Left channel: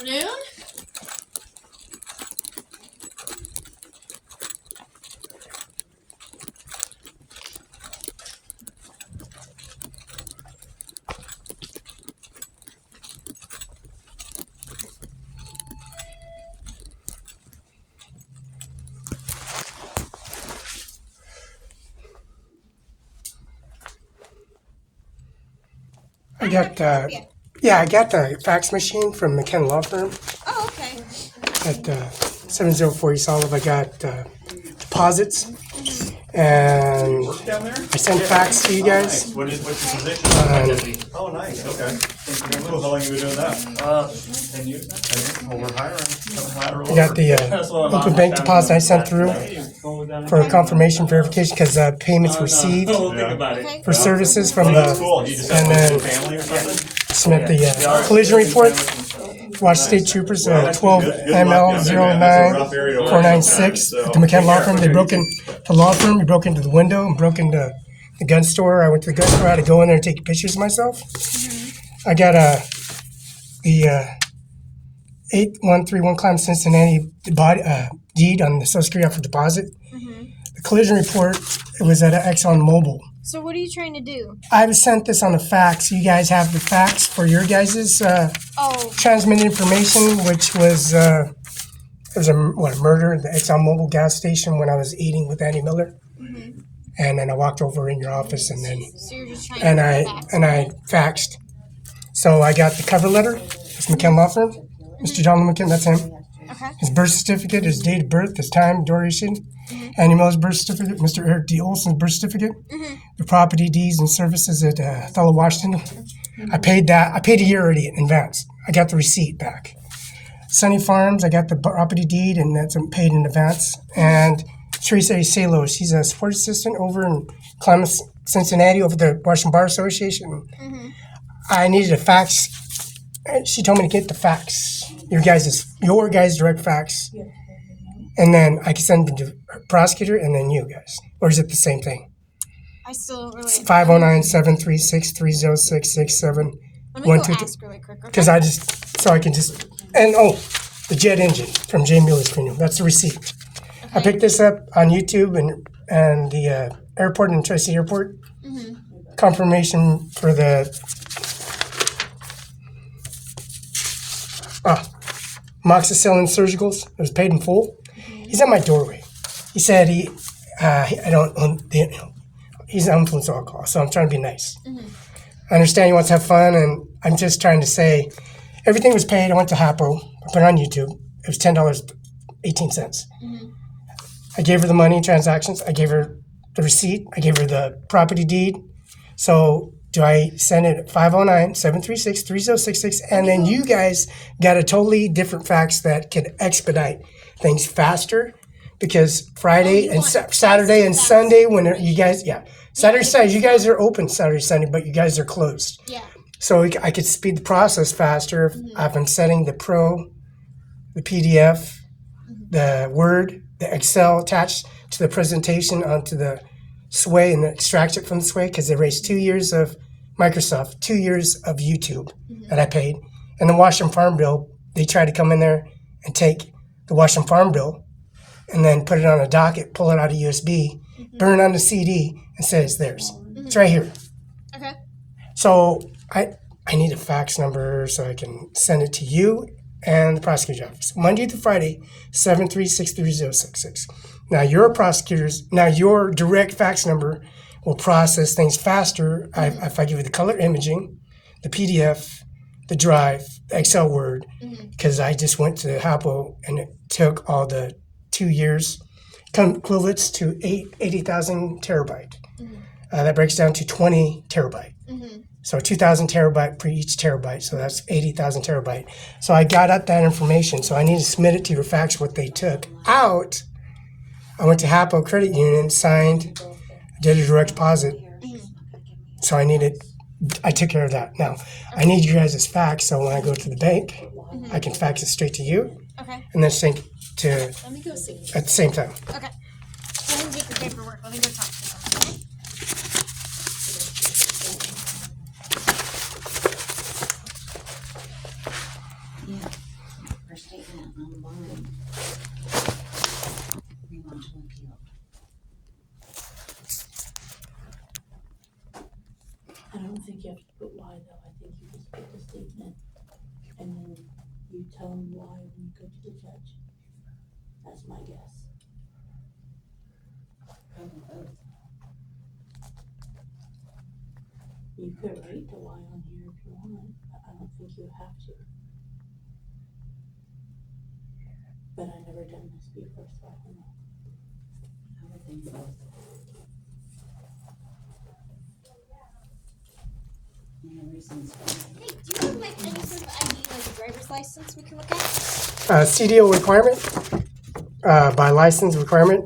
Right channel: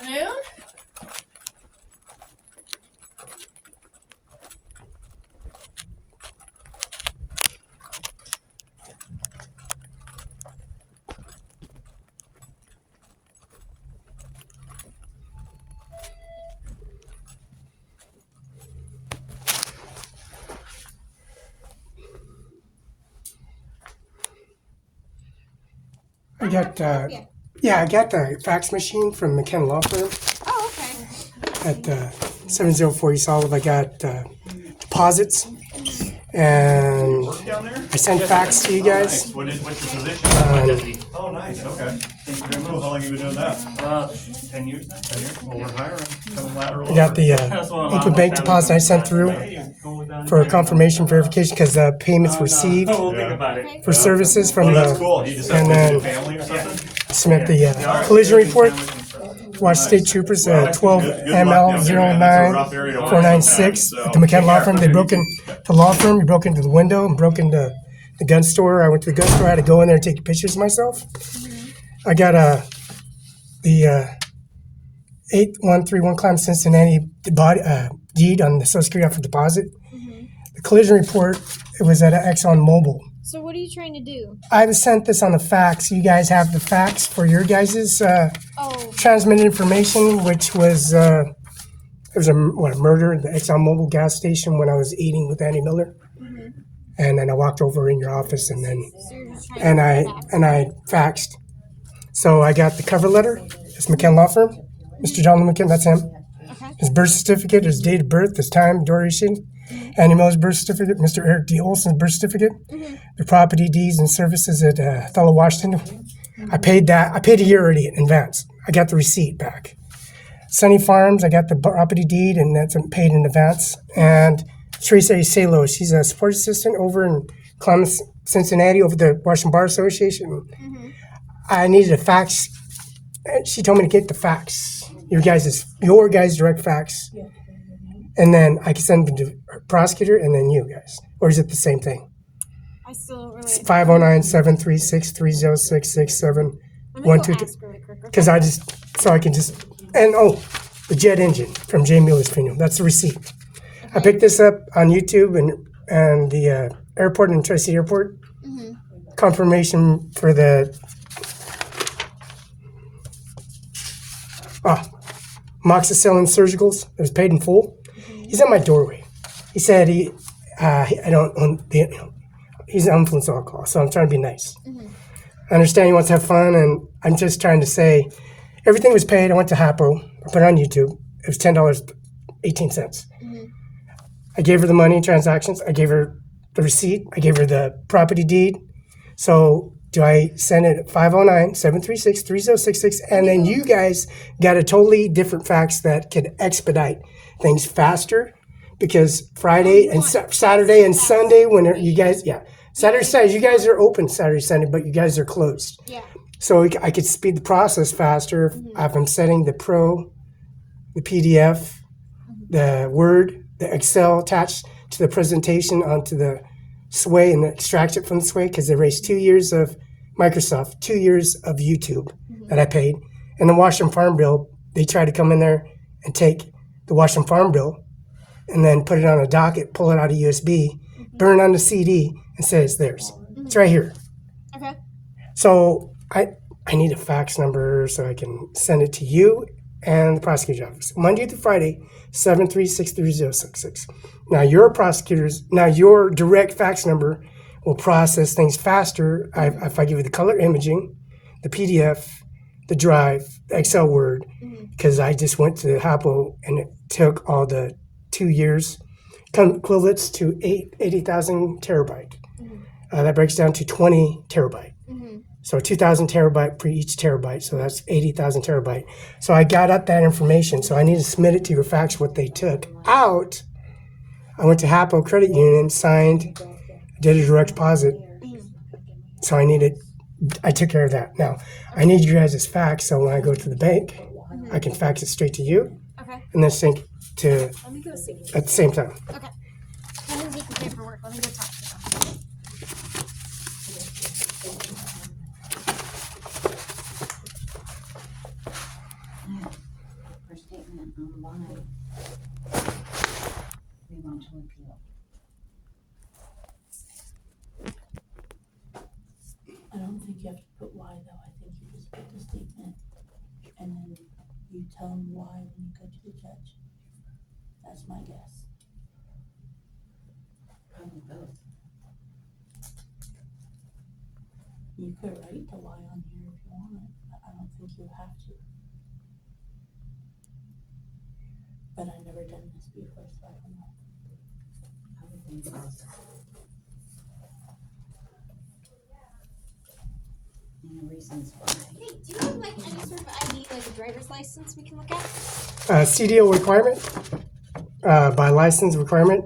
afternoon. I got the fax machine from McKenna Law Firm Oh, okay. at 704 East Olive. I got deposits, and I sent fax to you guys. What's your position? Oh, nice, okay. Cool. How long have you been doing that? 10 years now. Well, we're hiring. Coming lateral. I got the open bank deposit I sent through for a confirmation verification because payments received We'll think about it. Okay. for services from Oh, that's the cool. You just and have then- a family or something? submit the collision report. Washington State Troopers 12 ML 09496 at the McKenna Law Firm. They broke in the law firm. We broke into the window and broke into the gun store. I went to the gun store. I had to go in there and take pictures of myself. I got the 8131 Climb Cincinnati deed on the Social Security for deposit. The collision report, it was at Exxon Mobil. So what are you trying to do? I was sent this on a fax. You guys have the fax for your guys' Oh, transmitted information, which was there was a murder at the Exxon Mobil gas station when I was eating with Andy Miller, and then I walked over in your office, and then so you're just trying and to I fax. and I faxed. So I got the cover letter. It's McKenna Law Firm, Mr. John McKenna. That's him. Okay. His birth certificate, his date of birth, his time, duration. Andy Miller's birth certificate, Mr. Eric D. Olson's birth certificate, the property deeds and services at Othello, Washington. I paid that. I paid a year already in advance. I got the receipt back. Sunny Farms, I got the property deed, and that's paid in advance. And Teresa Salo, she's a support assistant over in Columbus, Cincinnati, over the Washington Bar Association. I needed a fax. And she told me to get the fax, your guys' direct fax, and then I can send it to the prosecutor and then you guys. Or is it the same thing? I still don't really. 509-736-30667. Let me one, go two, ask really quick. Okay? Because I can just, and the jet engine from Jay Mueller's funeral. That's the receipt. I picked this up on YouTube and the airport in Tri-City Airport. Confirmation for the Moxicillin Surgicals. It was paid in full. He's at my doorway. He said he's on influence alcohol, so I'm trying to be nice. I understand he wants to have fun, and I'm just trying to say everything was paid. I went to Hapo. I put it on YouTube. It was $10.18. I gave her the money transactions. I gave her the receipt. I gave her the property deed. So do I send it at 509-736-3066? And then you guys got a totally different fax that can expedite things faster, because Friday and Saturday and Sunday, when you guys, Saturday, you guys are open Saturday, Sunday, but you guys are closed. Yeah. So I could speed the process faster if I'm setting the Pro, the PDF, the Word, the Excel attached to the presentation onto the Sway and extract it from the Sway, because they erased 2 years of Microsoft, 2 years of YouTube that I paid. And the Washington Farm Bill, they tried to come in there and take the Washington Farm Bill and then put it on a docket, pull it out of USB, burn it on the CD, and say it's theirs. It's right here. Okay. So I need a fax number so I can send it to you and the prosecutor's office. Monday through Friday, 736-3066. Now your direct fax number will process things faster if I give you the color imaging, the PDF, the drive, the Excel Word, because I just went to the Hapo and it took all the 2 years, equivalents to 80,000 terabyte. That breaks down to 20 terabyte. So 2,000 terabyte per each terabyte, so that's 80,000 terabyte. So I got up that information, so I need to submit it to your fax what they took out. I went to Hapo Credit Union, signed, did a direct deposit. So I took care of that. Now, I need you guys' fax, so when I go to the bank, I can fax it straight to you, Okay. and then sync to Let me go see. at the same time. Okay. Let me get the paperwork. Let me go talk to them. her statement online. We want to appeal. I don't think you have to put why though, I think you just put the statement and then you tell them why when you go to the judge. That's my guess. Probably both. You could write the why on here if you want, but I don't think you have to. But I've never done this before, so I don't know. I would think both. And the reasons why. Hey, do you have like any sort of ID or a driver's license we can look at? CDO requirement, by license requirement,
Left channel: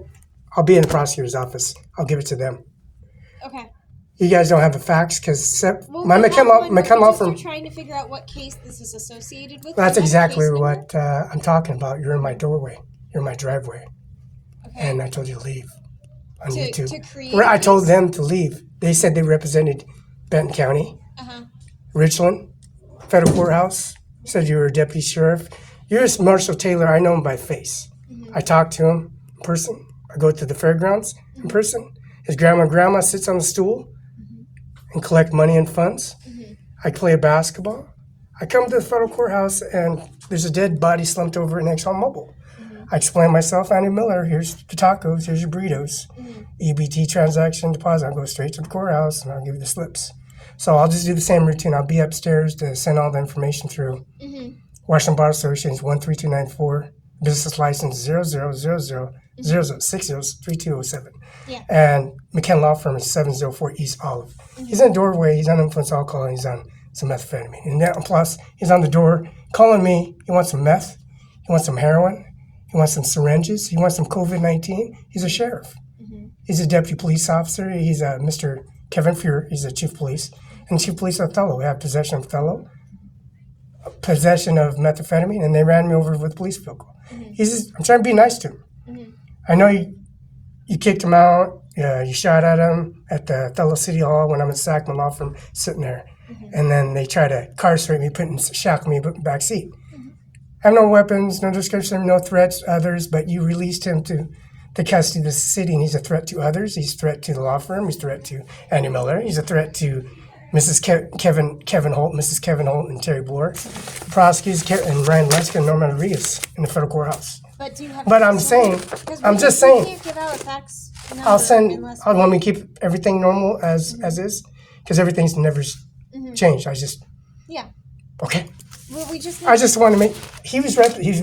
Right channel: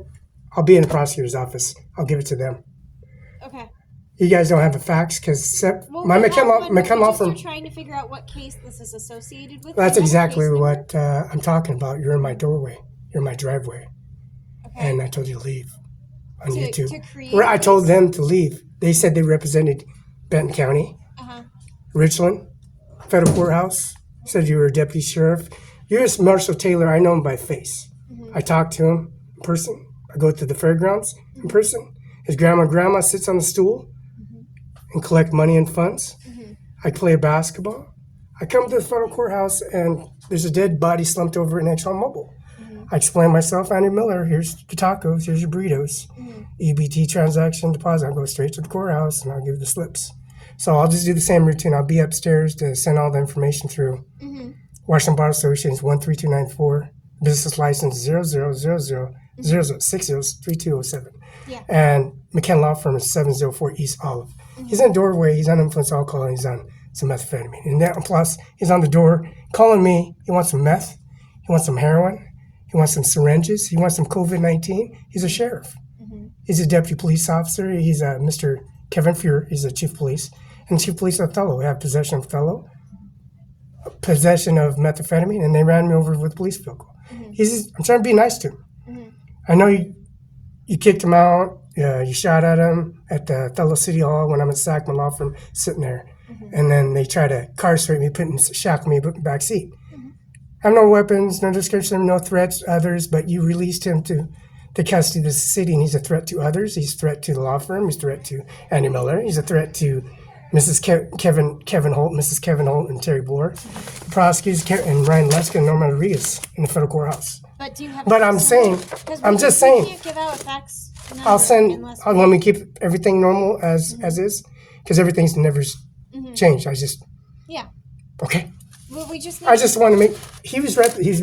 I'll be in the prosecutor's office. I'll give it to them. Okay. You guys don't have a fax because Well, my we have McKenlaw one, but we law just firm. are trying to figure out what case this is associated with. That's Do you have the exactly case number? what I'm talking about. You're in my doorway. You're in my driveway, Okay. and I told you to leave on To YouTube. create Where I told this? them to leave. They said they represented Benton County, Uh-huh. Richland, federal courthouse. Said you were a deputy sheriff. You're just Marshall Taylor. I know him by face. I talk to him in person. I go to the fairgrounds in person. His grandma sits on the stool and collect money and funds. I play basketball. I come to the federal courthouse and there's a dead body slumped over at ExxonMobil. I explain myself, Andy Miller, here's the tacos, here's your burritos. EBT transaction deposit. I'll go straight to the courthouse and I'll give you the slips. So I'll just do the same routine. I'll be upstairs to send all the information through. Washington Bar Association is 13294, business license 000000603207. Yeah. And McKenna Law Firm is 704 East Olive. He's in the doorway, he's on influence alcohol, and he's on some methamphetamine. And then, plus, he's on the door calling me. He wants some meth, he wants some heroin, he wants some syringes, he wants some COVID-19. He's a sheriff. He's a deputy police officer. He's a Mr. Kevin Fuhr, he's a chief police. And chief police Othello, we have possession of Othello, possession of methamphetamine, and they ran me over with a police vehicle. He's just, I'm trying to be nice to him. I know you kicked him out, you shot at him at the Othello City Hall when I'm at Sackman Law Firm sitting there. And then they try to incarcerate me, shackle me in the back seat. I have no weapons, no description, no threats to others, but you released him to the custody of the city, and he's a threat to others. He's a threat to the law firm. He's a threat to Andy Miller. He's a threat to Mrs. Kevin Holt, Mrs. Kevin Holt, and Terry Boer. Prosecutors and Ryan Leska and Norman Rodriguez in the federal courthouse. But do you have? But a I'm fax saying, number? 'Cause I'm we just saying. can't give out a fax number I'll send. unless I'll want me to keep everything normal as is, because everything's never changed. I just Yeah. okay. We just. I just want to make. He was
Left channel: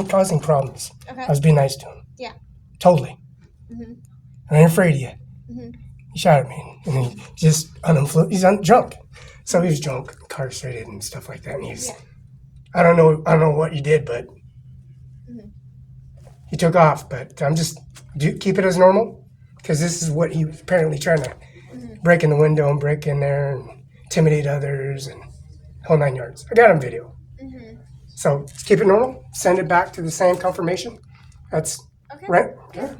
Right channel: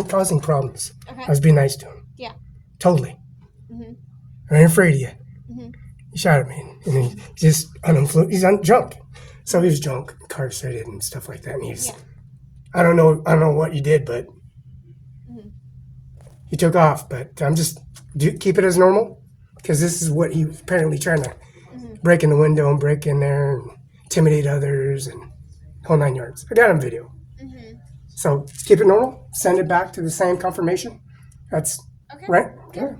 causing problems. Okay. I was being nice to him. Yeah. Totally. I ain't afraid of you. He shot at me, and he just uninfluenced. He's drunk, so he was drunk, incarcerated, and stuff like that. And he's, Yeah. I don't know what you did, but he took off. But I'm just keep it as normal, because this is what he was apparently trying to break in the window and break in there and intimidate others and whole 9 yards. I got on video. So keep it normal. Send it back to the same confirmation. That's Okay. right. Yeah.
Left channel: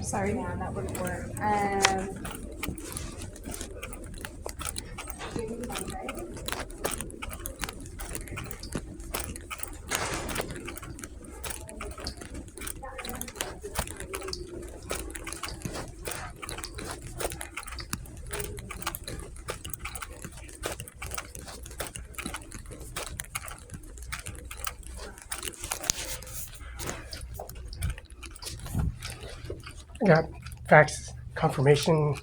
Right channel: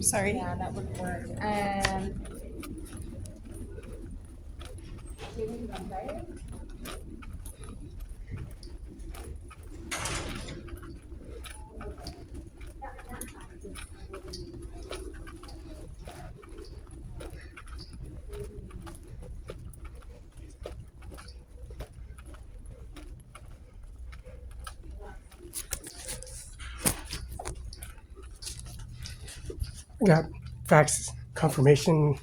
Sorry. Yeah, that wouldn't work. I got fax confirmation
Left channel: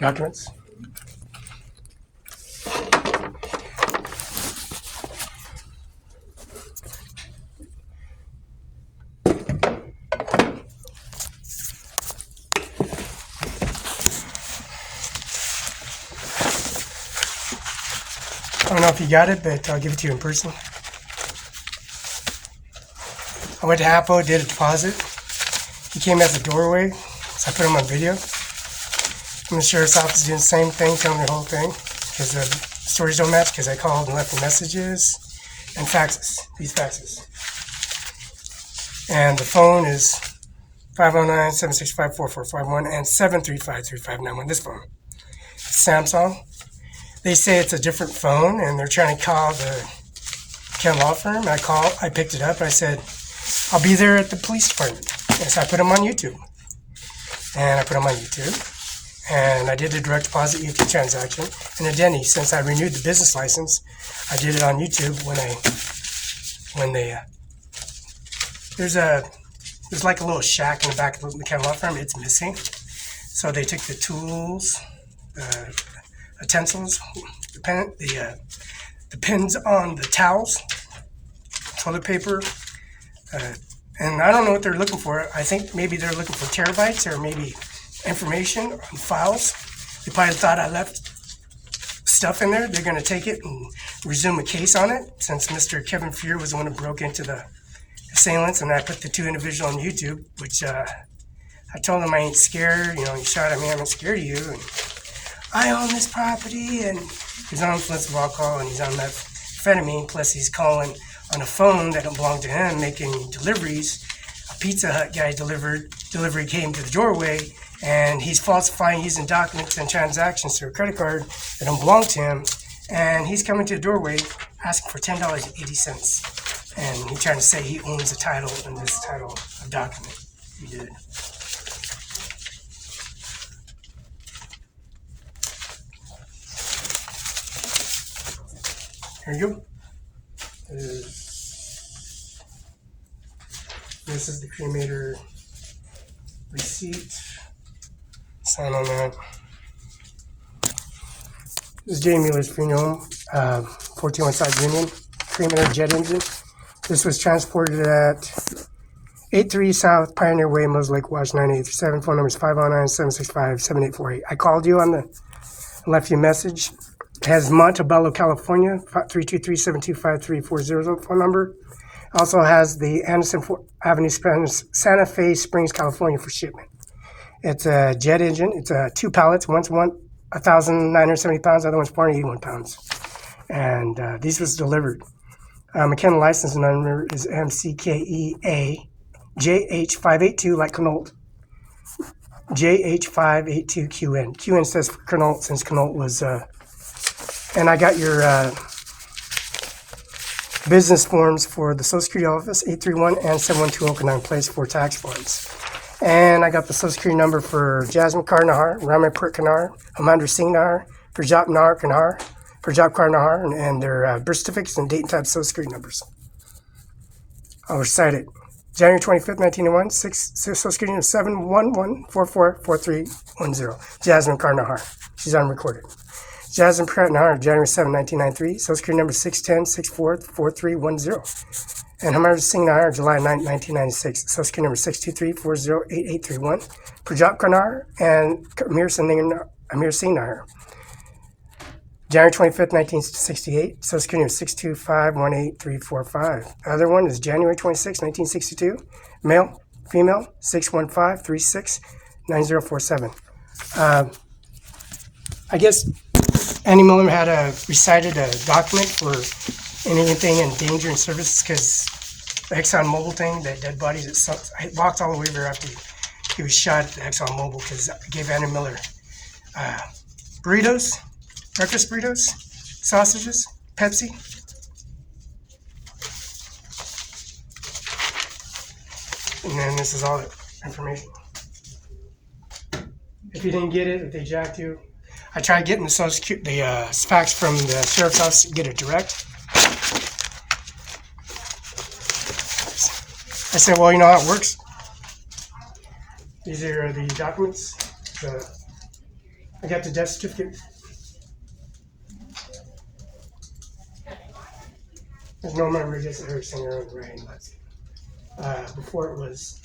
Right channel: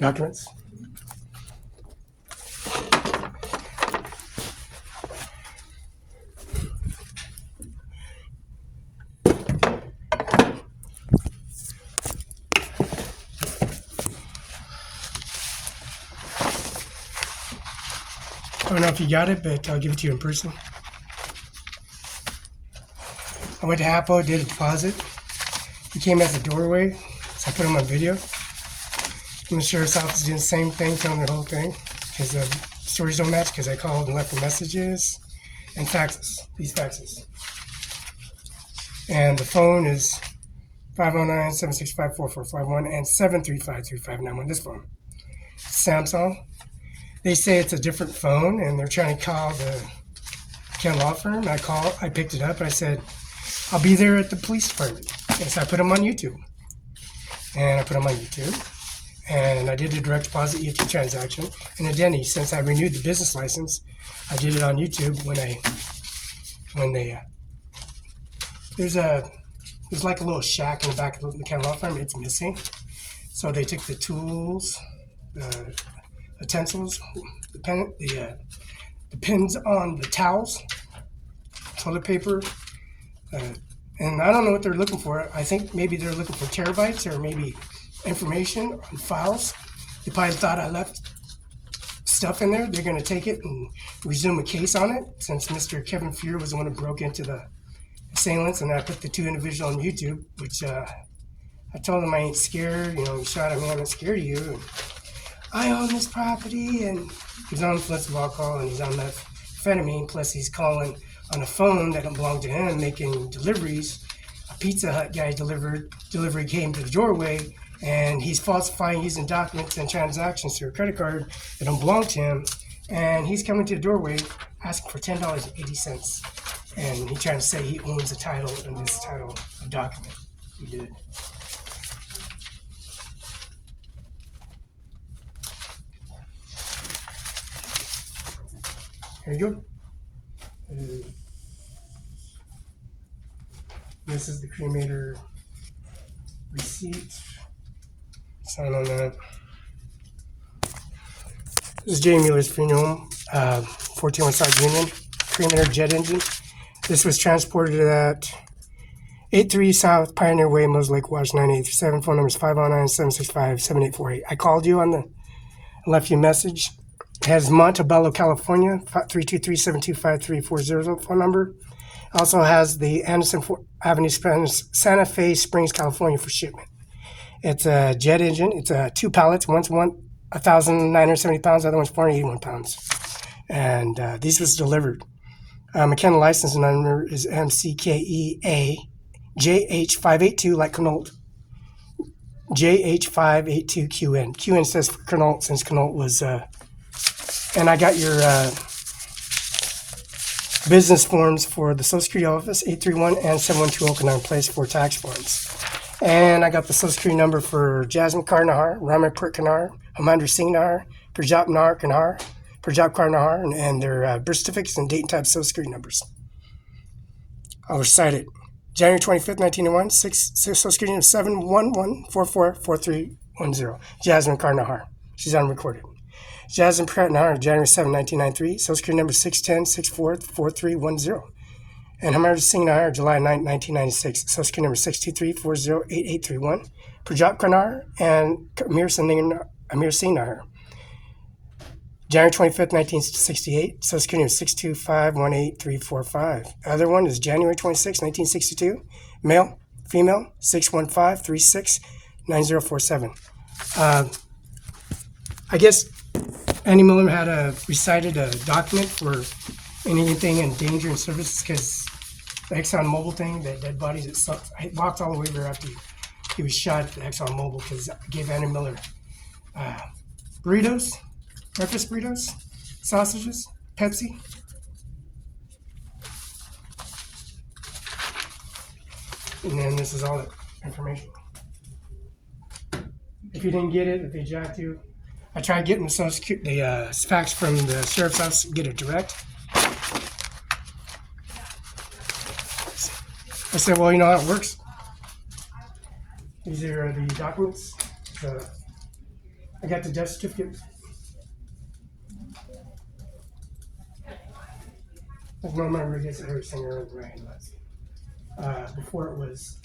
documents. I don't know if you got it, but I'll give it to you in person. I went to Hapo, did a deposit. He came at the doorway, so I put him on video. And the sheriff's office doing the same thing, telling me the whole thing, because the stories don't match, because I called and left the messages and faxes, these faxes. And the phone is 509-765-4451 and 735-3591, this phone. It's Samsung. They say it's a different phone, and they're trying to call the Ken law firm. I picked it up, and I said, I'll be there at the police department. And so I put them on YouTube. And I did a direct deposit YouTube transaction. And a Denny, since I renewed the business license, I did it on YouTube there's like a little shack in the back of the Ken law firm. It's missing. So they took the tools, utensils, the pins on the towels, toilet paper, and I don't know what they're looking for. I think maybe they're looking for terabytes or maybe information on files. They probably thought I left stuff in there. They're going to take it and resume a case on it, since Mr. Kevin Fear was the one who broke into the assailants, and I put the two individuals on YouTube, which I told them I ain't scared. You shot at me, I'm not scared of you. And I own this property, and he's on influence of alcohol, and he's on methamphetamine, plus he's calling on a phone that don't belong to him, making deliveries. A Pizza Hut guy delivery came to the doorway, and he's falsifying using documents and transactions through a credit card that don't belong to him, and he's coming to the doorway asking for $10.80, and he's trying to say he owns the title in this title of document. He did. Here you go. This is the cremator receipt. Sign on that. This is J. Mueller's funeral home, 14 West Side Union, cremator jet engine. This was transported at 83 South Pioneer Way, Moses Lake, Wash 9837. Phone number is 509-765-7848. I called you left you a message. It has Montebello, California, 323-725-3400 phone number. Also has the Anderson Avenue, Santa Fe Springs, California for shipment. It's a jet engine. It's two pallets. One's 1,970 pounds. The other one's 481 pounds. And these was delivered. McKenna license number is MCKEA JH582, like Connaught. JH582QN. QN stands for Connaught, since Connaught was... and I got your business forms for the Social Security office, 831 and 712 Okanagan Place for tax forms. And I got the Social Security number for Jasmine Kar Nahar, Ramanpur Kanar, Hamandra Singh Nahar, Prajap Nahar Kanar, Prajap Kar Nahar, and their birth certificates and date and type Social Security numbers. I'll recite it. January 25th, 1981, Social Security number 711444310. Jasmine Kar Nahar. She's unrecorded. Jasmine Pratt Nahar, January 7, 1993, Social Security number 610-644310. And Hamandra Singh Nahar, July 9, 1996, Social Security number 623-408831. Prajap Karnar and Amir Singh Nahar. January 25th, 1968, Social Security number 625-18345. Other one is January 26, 1962, male, female, 615-36-9047. I guess Annie Miller had recited a document for anything in danger and services, because the ExxonMobil thing, that dead body, I walked all the way there after he was shot at the ExxonMobil, because I gave Annie Miller burritos, breakfast burritos, sausages, Pepsi. And then this is all the information. If you didn't get it, if they jacked you, I tried getting the Social Security, the fax from the sheriff's office to get it direct. I said, well, you know how it works? These are the documents. I got the death certificate. There's no member just her singer and Ryan Lutzkin. Before it was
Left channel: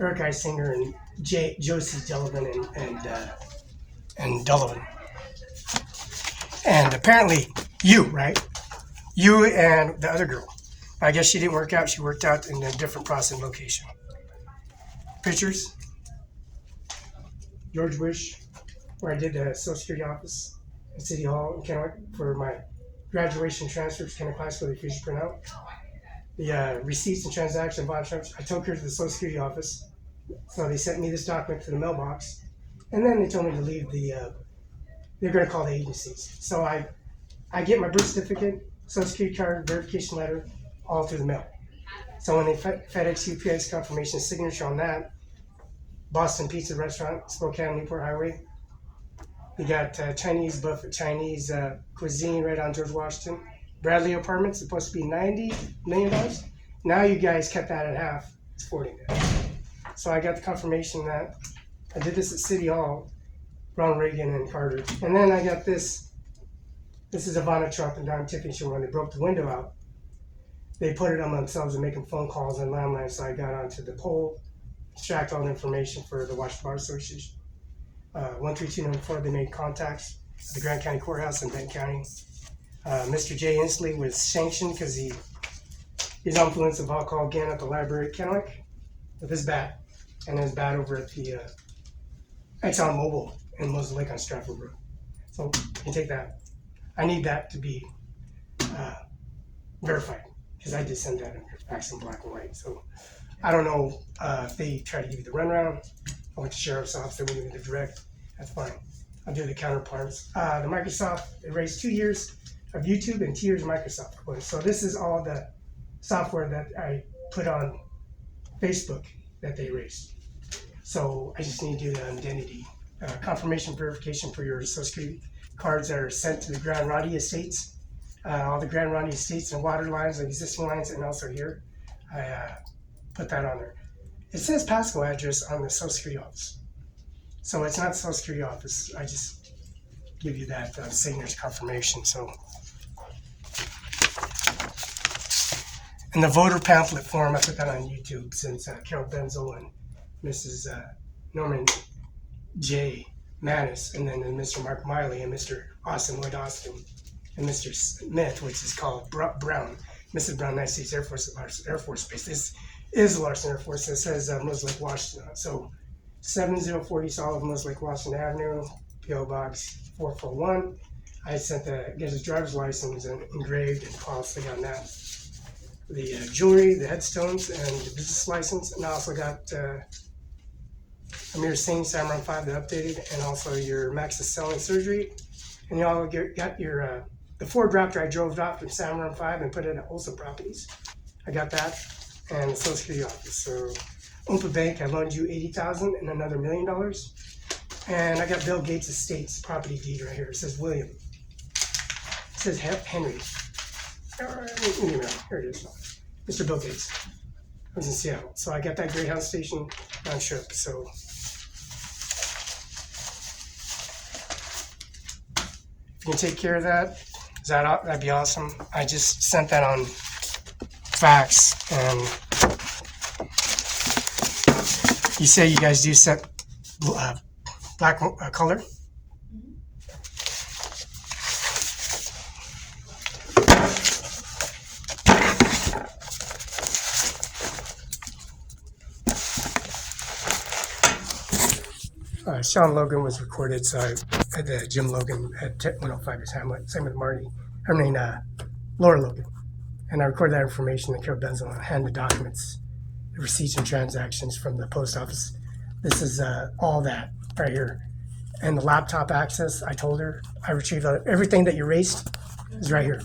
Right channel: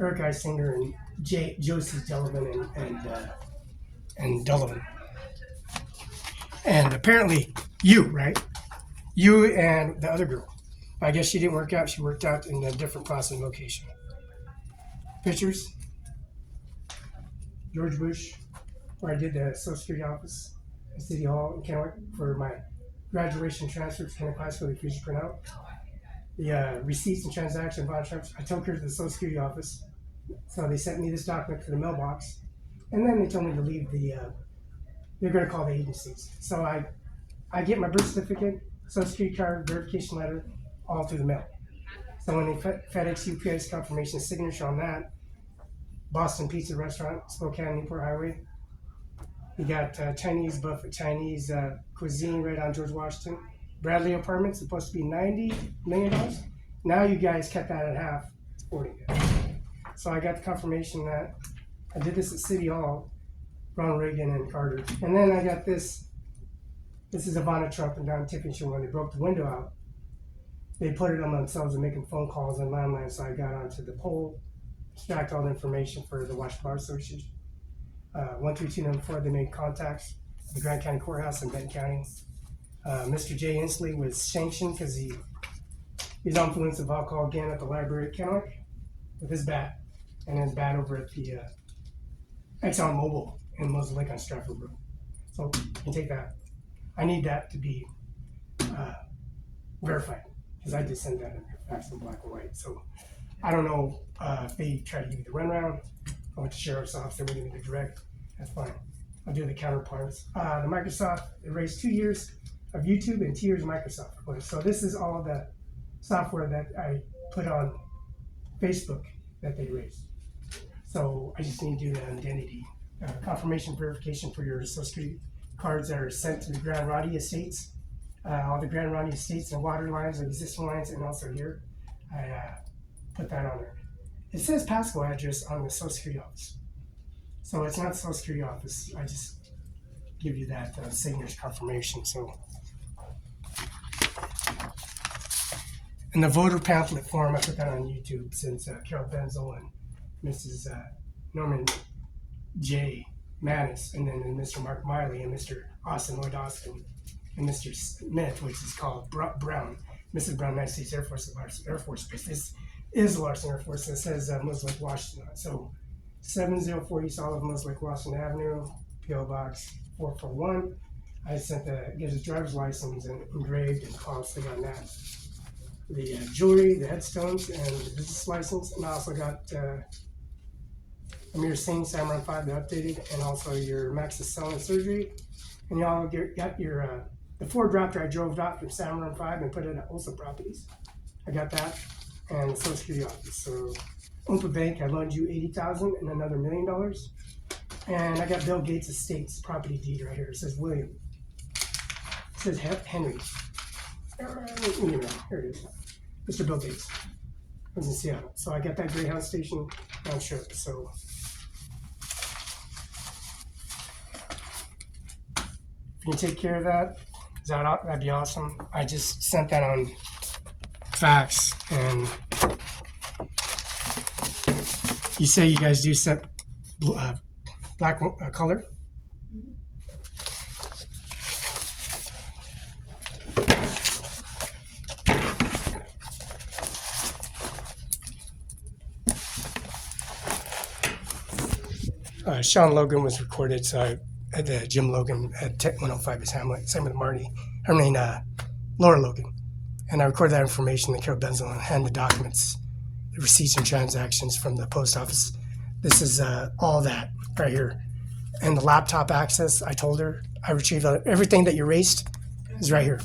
Eric I. Singer and Josie Delavan and Delavan. And apparently you, right? You and the other girl. I guess she didn't work out. She worked out in a different processing location. Pictures. George Bush, where I did the Social Security office at City Hall in Kennewick for my graduation transfers kind of class for the future printout. The receipts and transaction bond transfers. I took her to the Social Security office. So they sent me this document to the mailbox. And then they told me to leave they're going to call the agencies. So I get my birth certificate, Social Security card, verification letter, all through the mail. So when they FedEx UPS confirmation signature on that, Boston Pizza Restaurant, Spokane, Newport Highway. You got Chinese buffet, Chinese cuisine right on George Washington. Bradley Apartments, supposed to be $90 million. Now you guys cut that in half. It's 40 million. So I got the confirmation that I did this at City Hall, Ronald Reagan and Carter. And then I got this. This is Ivanka Trump and Don Tiffany show when they broke the window out. They put it on themselves and making phone calls and landlines. So I got onto the poll, extract all the information for the Washington Bar Association. 13294, they made contacts at the Grant County Courthouse in Benton County. Mr. Jay Inslee was sanctioned because his influence of alcohol again at the library at Kennewick with his bat, and his bat over at the Exxon Mobil in Moses Lake on Stratford Road. So you can take that. I need that to be verified because I did send that in fax in black and white. So I don't know if they try to give you the runaround. I went to sheriff's office, they wouldn't give me the direct. That's fine. I'll do the counterparts. The Microsoft erased 2 years of YouTube and 2 years of Microsoft. So this is all the software that I put on Facebook that they erased. So I just need to do the identity confirmation verification for your Social Security cards that are sent to the Grand Roddy Estates. All the Grand Roddy Estates and water lines, existing lines, and also here. I put that on there. It says Pasco address on the Social Security office. So it's not the Social Security office. I just give you that signature confirmation. So, and the voter pamphlet form, I put that on YouTube since Carol Benzel and Mrs. Norman J. Manis, and then Mr. Mark Miley and Mr. Austin Lloyd Austin, and Mr. Smith, which is called Brown, Mrs. Brown, United States Air Force Base. This is Larson Air Force. It says Moses Lake, Washington. So 704 East Olive, Moses Lake, Washington Avenue, P.O. Box 441. I sent get his driver's license and engraved and costly on that. The jewelry, the headstones, and the business license. And I also got Amir Singh, CIMARON5, the updated, and also your Maxis Selling Surgery. And you all got your the Ford Raptor I drove off from CIMARON5 and put it at Olson Properties. I got that. And the Social Security office. So Oompa Bank, I loaned you $80,000 and another $1 million. And I got Bill Gates' estate's property deed right here. It says William. It says Henry. Here it is. Mr. Bill Gates. I was in Seattle. So I got that Greyhound station round trip. So if you can take care of that, that'd be awesome. I just sent that on fax, and you say you guys do set black color. Sean Logan was recorded, so I had Jim Logan at Tech 105 is Hamlet, same with Marty. Laura Logan. And I recorded that information to Carol Benzel and hand the documents, the receipts and transactions from the post office. This is all that right here. And the laptop access, I told her, I retrieved everything that you erased is right here.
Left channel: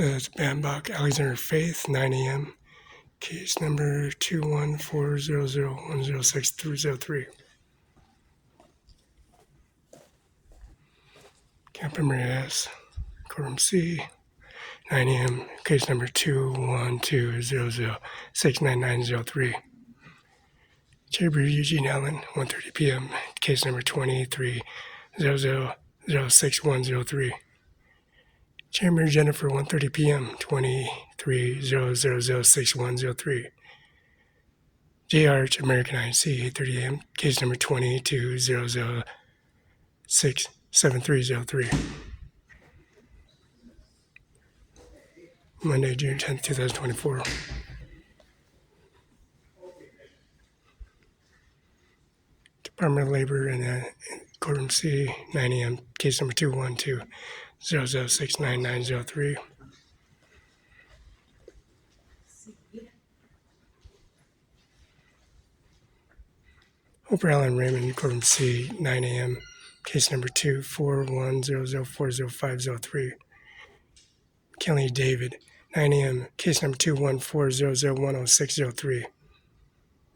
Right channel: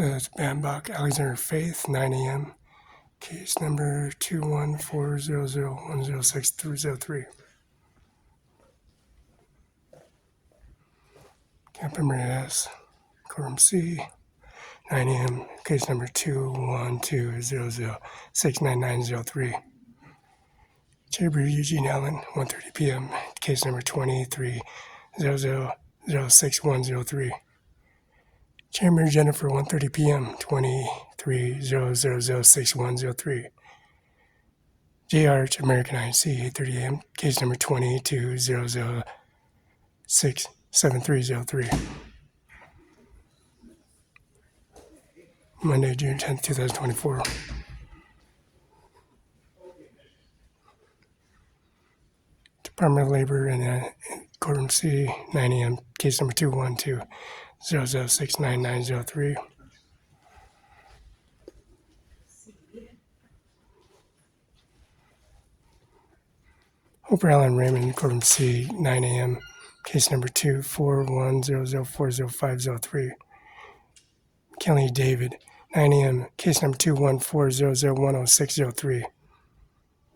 That's Bambach Alexander Faith, 9 a.m. Case number 21400106303. Camper Maria S. Courtroom C, 9 a.m. Case number 21200699903. Chamber Eugene Allen, 1:30 p.m. Case number 2300061103. Chamber Jennifer, 1:30 p.m. 2300061103. JR American INC, 8:30 a.m. Case number 2200067303. Monday, June 10th, 2024. Department of Labor in Courtroom C, 9 a.m. Case number 21200069903. Hooper Allen Raymond, Courtroom C, 9 a.m. Case number 24100400503. McKinley David, 9 a.m. Case number 21400100603.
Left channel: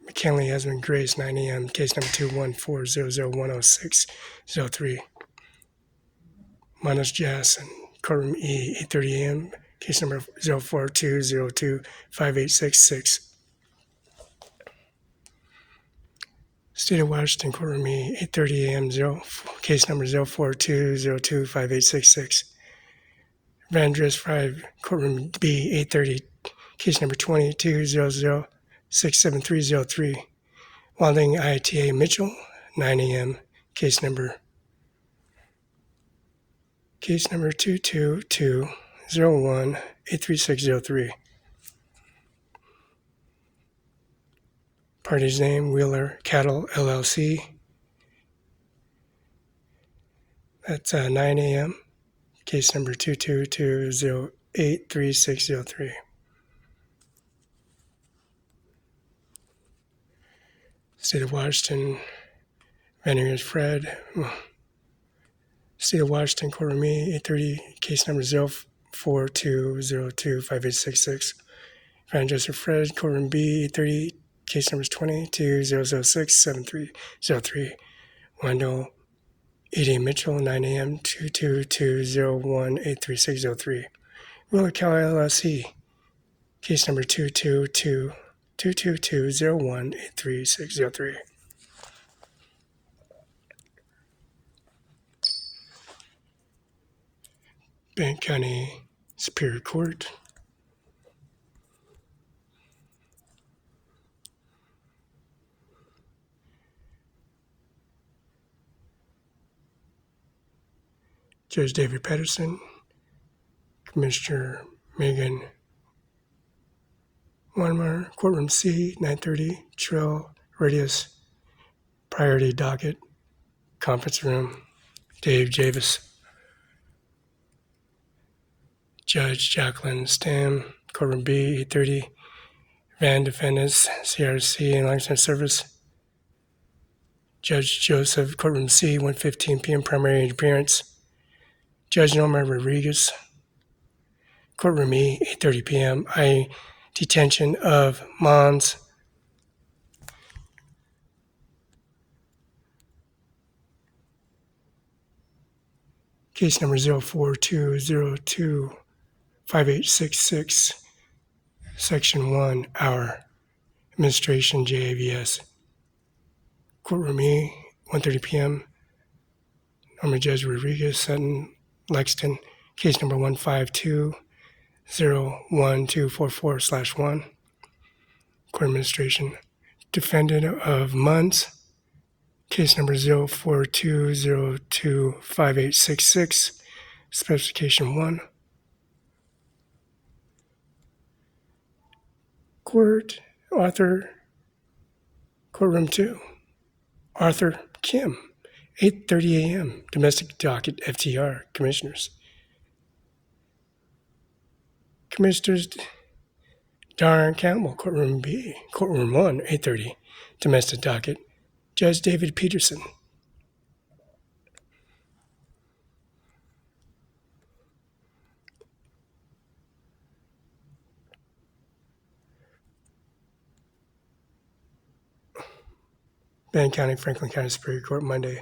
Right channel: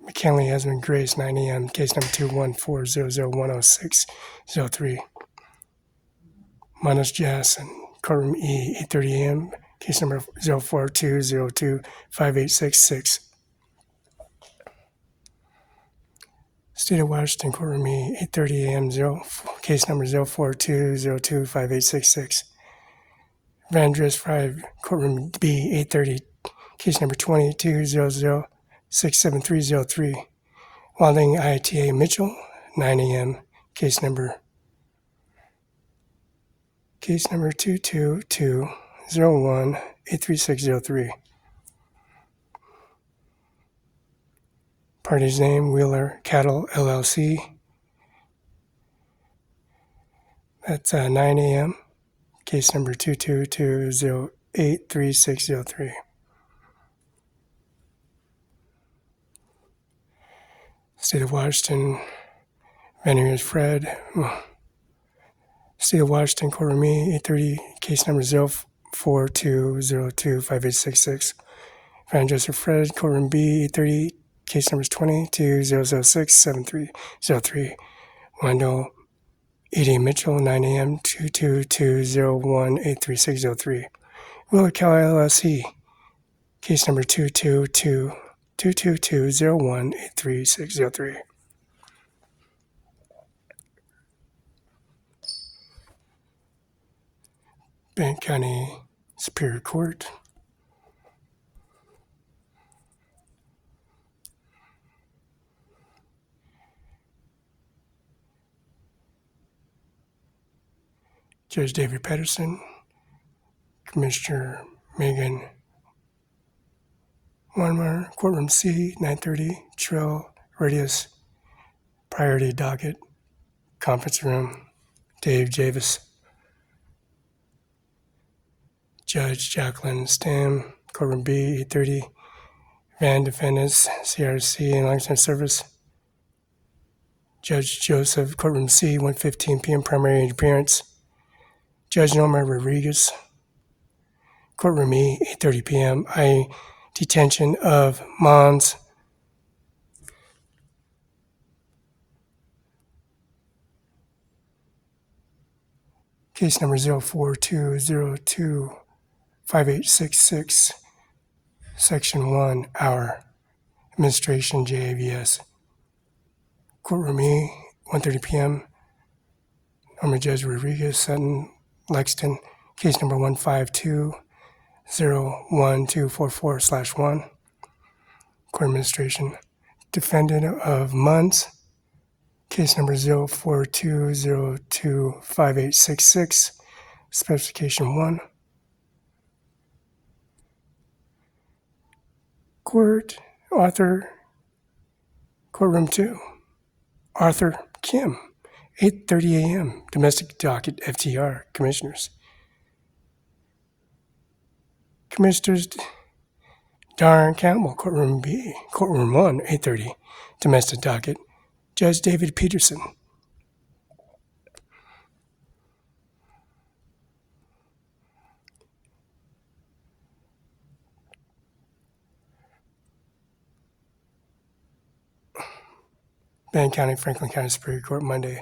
McKinley Esmond Grace, 9 a.m. Case number 21400100603. Manos Jackson, Courtroom E, 8:30 a.m. Case number 042025866. State of Washington, Courtroom E, 8:30 a.m. Case number 042025866. Vandress 5, Courtroom B, 8:30. Case number 2200067303. Wilding ITA Mitchell, 9 a.m. Case number 22201-83603. Party's name, Wheeler Cattle LLC. That's 9 a.m. Case number 222083603. State of Washington, Veneers Fred. State of Washington, Courtroom E, 8:30, case number 042025866. Van Joseph Fred, Courtroom B, 8:30, case numbers 2200067303. Wendell E.D. Mitchell, 9 a.m., 22201-83603. Wheeler Cal LLC, case number 22201-83603. Bank County Superior Court. Judge David Patterson, Commissioner Megan Wanmer, Courtroom C, 9:30, Trail Radius, Priority Docket, Conference Room, Dave Javis. Judge Jacqueline Stam, Courtroom B, 8:30, Van Defendants, CRC and Langston Service. Judge Joseph, Courtroom C, 1:15 p.m., Primary Appearance. Judge Norma Rodriguez, Courtroom E, 8:30 p.m., detention of Mons. Case number 042025866, Section 1, Hour, Administration JAVS. Courtroom E, 1:30 p.m., Norma Judge Rodriguez, Sutton, Lexington, case number 152-01244/1. Court Administration. Defendant of Munns, case number 042025866, Specification 1. Court, Arthur, Courtroom 2, Arthur Kim, 8:30 a.m., Domestic Docket FTR, Commissioners. Commissioners Darren Campbell, Courtroom B, Courtroom 1, 8:30, Domestic Docket, Judge David Peterson. Van County, Franklin County Superior Court, Monday,